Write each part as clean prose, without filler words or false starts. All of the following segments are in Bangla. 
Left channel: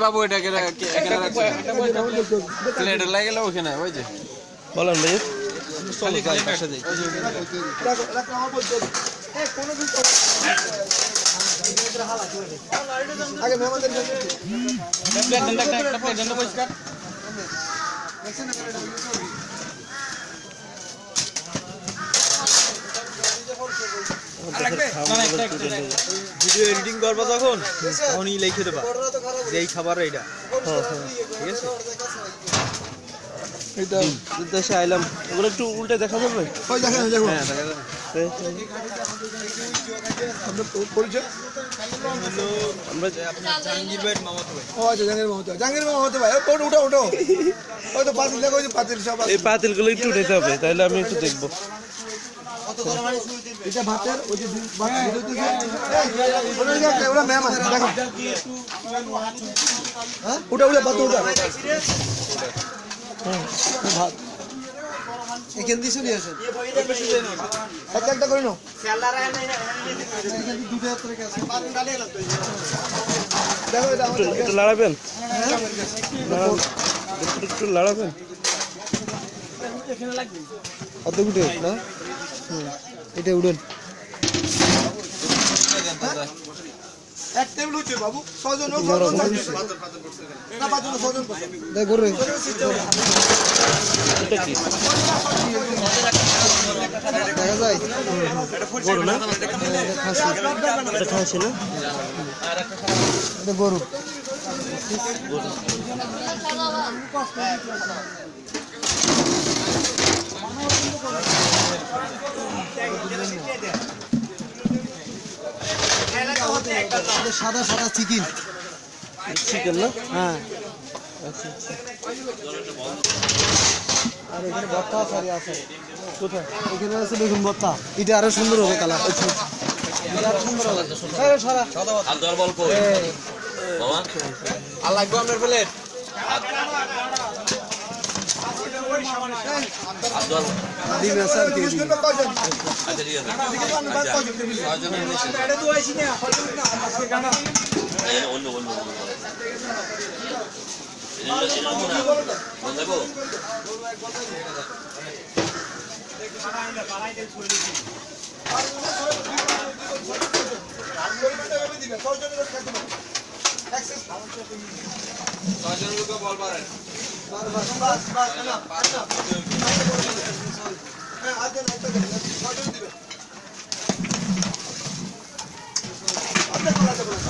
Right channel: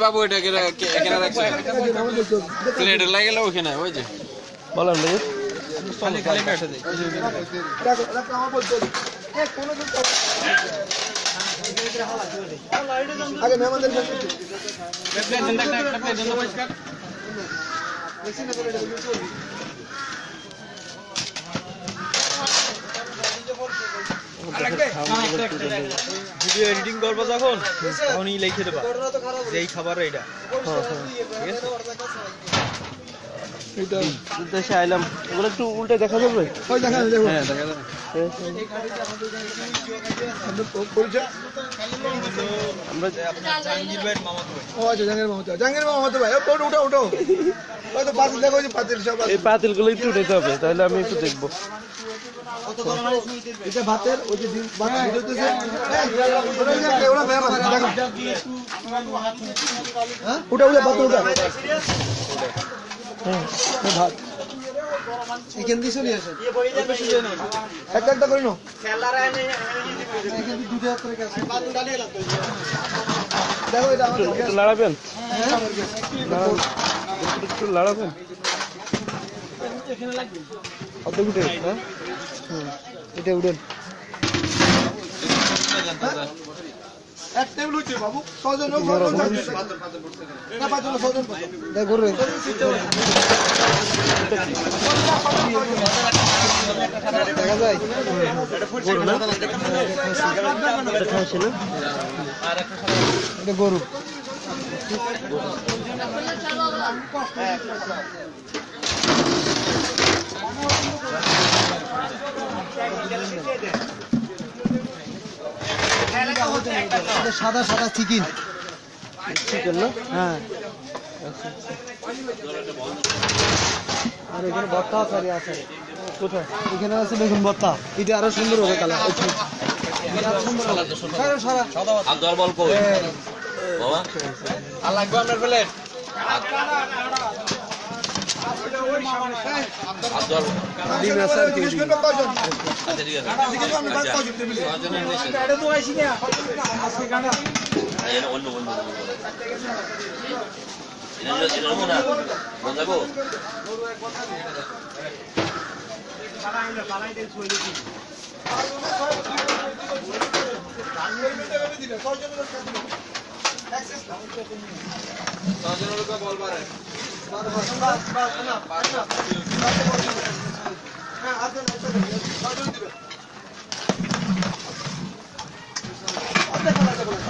বাবু এটা লাগে ওখানে ওই যে বলেন ভাই ভিডিও এডিটিং করবা যখন তখনই লিখে দেবা এই খাবার এইটা এটা দেশে আইলাম ওগুলো একটু উল্টে দেখা যাবে ওই দেখা দেখো হ্যাঁ দেখা যাবে আমরা জাহাঙ্গীর ভাইয়ের মামাতো ভাই ও জাহাঙ্গীর মামাতো ভাই ওটা উঠো উঠো ওই তো পাতিল দেখো পাতিল সব এই পাতিলগুলো একটু উঠাতে হবে তাহলে আমি একটু দেখবো এটা ভাতের ওই যে উঠা উঠা ভাত উঠা ভাত এখান দিয়ে চলে আসেন একটা একটা করে নাও একটু লড়াবেন একটু লড়াবেন অত উঠে হ্যাঁ এটা উঠেন এক টেবিল হচ্ছে বাবু ছজন না পাঁচজন ছজন দেখ ঘুরে দেখা যায় গরু না এটা খাইছে না এটা গরু সাদা সাদা চিকেন চিকেন না হ্যাঁ আর এখানে ভর্তা আছে কোথায় এখানে আছে বেগুন ভর্তা এটা আরো সুন্দর হবে কালার সারা আর দরবল কই বাবা আর লাগবে আপনার প্লেট আব্দুল ডিম আছে জিজ্ঞেস করবে কয়জন আচ্ছা ঠিক আছে এটা তো আইছি না আজকে গানা অন্য এটা মনে বলবো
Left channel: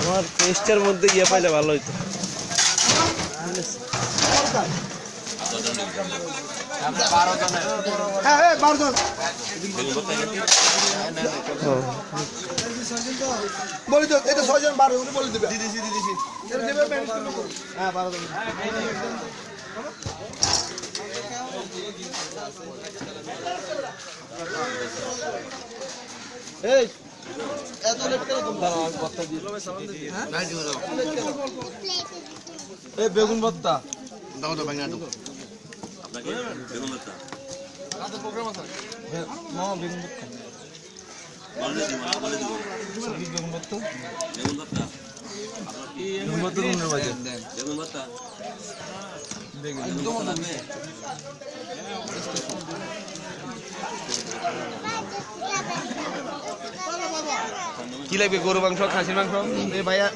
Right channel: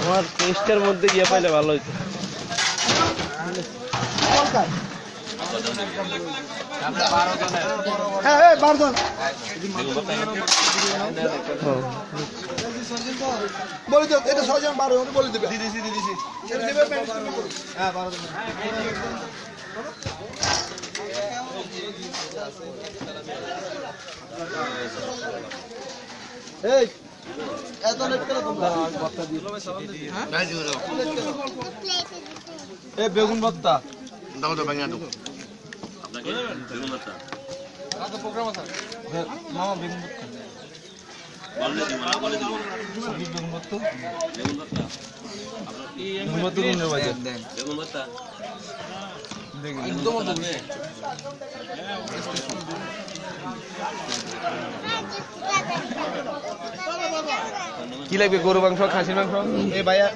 আমার টেস্টের মধ্যে গিয়ে পাইলে ভালো হইতো বলি তো এটা 6 জন 12 জন বলে দিবে দিছি হ্যাঁ 12 জন এই এত লেট করে তোমরা কথা দিও হ্যাঁ না দিও এই বেগুন ভর্তা দাও তো ভাঙা দাও আপনাকে বেগুন ভর্তা কত প্রোগ্রাম আছে মামা বেগুন ভর্তা বলে দিব বেগুন ভর্তা আপনার কি বেগুন ভর্তা কোন বাজে বেগুন ভর্তা একদম লাগবে কি লাগবে গরু মাংস খাসির মাংস এই ভাইয়া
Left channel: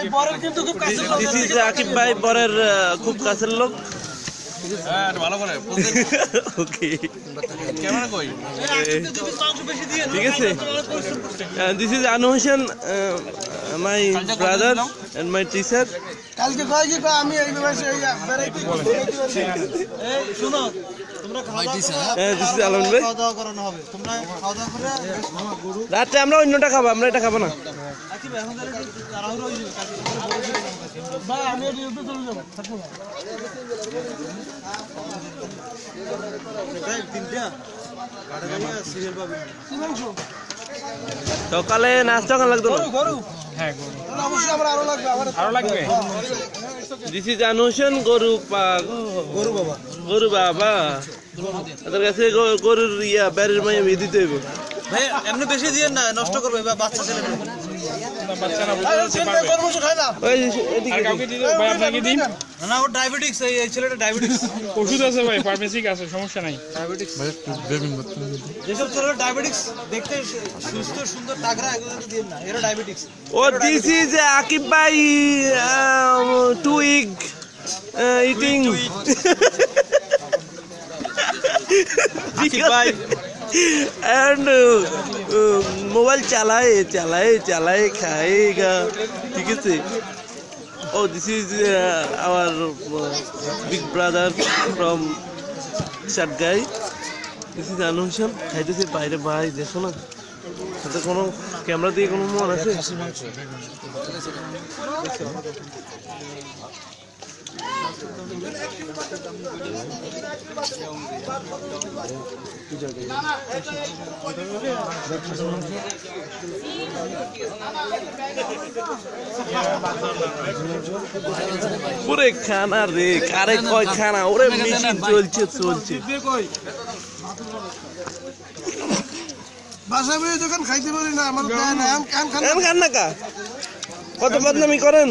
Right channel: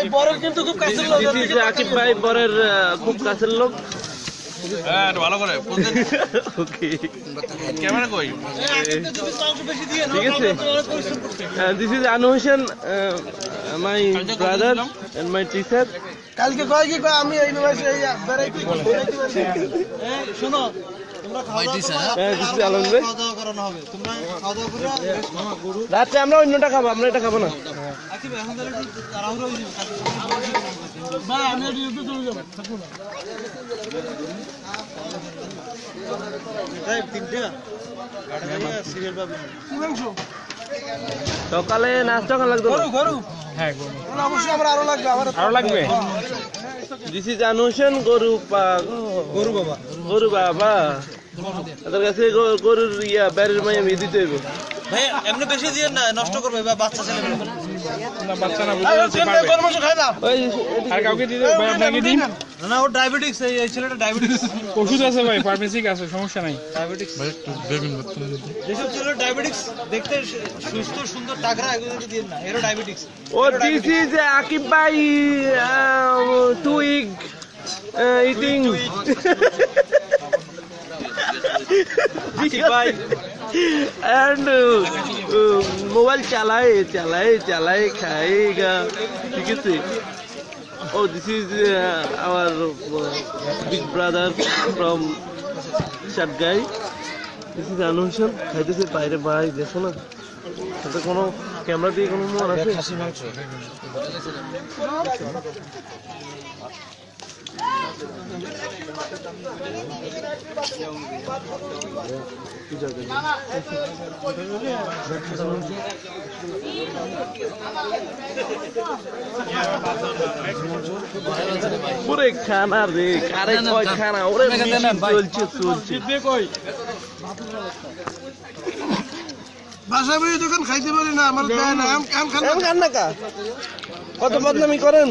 এই বড় কিন্তু খুব কাছের লোক দিস ইজ আকিব ভাই বরের খুব কাছের লোক হ্যাঁ ভালো করে ওকে ক্যামেরা কই ঠিক আছে this is Anu Hossain my brother and my teacher কালকে কয় কি কয় আমি এই মাসে এই বেরাইতে শুনো তোমরা খাওয়া হ্যাঁ দিস ইজ আলম ভাই দাওয়া করানো হবে তোমরা খাওয়া দাওয়া করে মামা গরু রাতে আমরা অন্যটা খাবো আমরা এটা খাবো না আকিব এখন তাড়াহুড়ো হইছে না আমি ইউটিউবে চলে যাব থাকবো না এই তিনটা গাড়ি ভাইয়া সিরিয়াল পাবি কি মাংস সকালে নাস্তা খাওয়া লাগতো না গরু হ্যাঁ গরু অবশ্যই আমার আরো লাগবে দিস ইজ আনুশন গরু গরু বাবা গরু বাবা তাদের কাছে গরুর বাড়ির মাঝে আমি দিতে হইব ভাই এমনি বেশি দিয়ে না নষ্ট করবে বা বাচ্চা ছেলে ওই এদিকে না ও ডায়াবেটিক্স এই ছেলেটা ডায়াবেটিক্স ওষুধ আছে ভাই ফার্মেসি আছে সমস্যা নাই যেসব ছেলেরা ডায়াবেটিক্স দেখতে সুস্থ সুন্দর টাকরা এগুলো দিয়ে না এরা ডায়াবেটিক্স ও দিস ইজ আকিব ভাই টু উইক ইটিং ভাই एंड मोबाइल चलाए खाएगा ठीक है oh this is our big brother from Shatgai this is Anushan খাইতেছে বাইরে ভাই দেখো না সাথে কোনো ক্যামেরা দিয়ে কোনো মন আছে খাসি মাংস পুরে খানা রে কারে কয় খানা ওরে মেশিন চলছে বাসায় বই দোকান খাইতে পারি না আমার খান না কা কত বদনামি করেন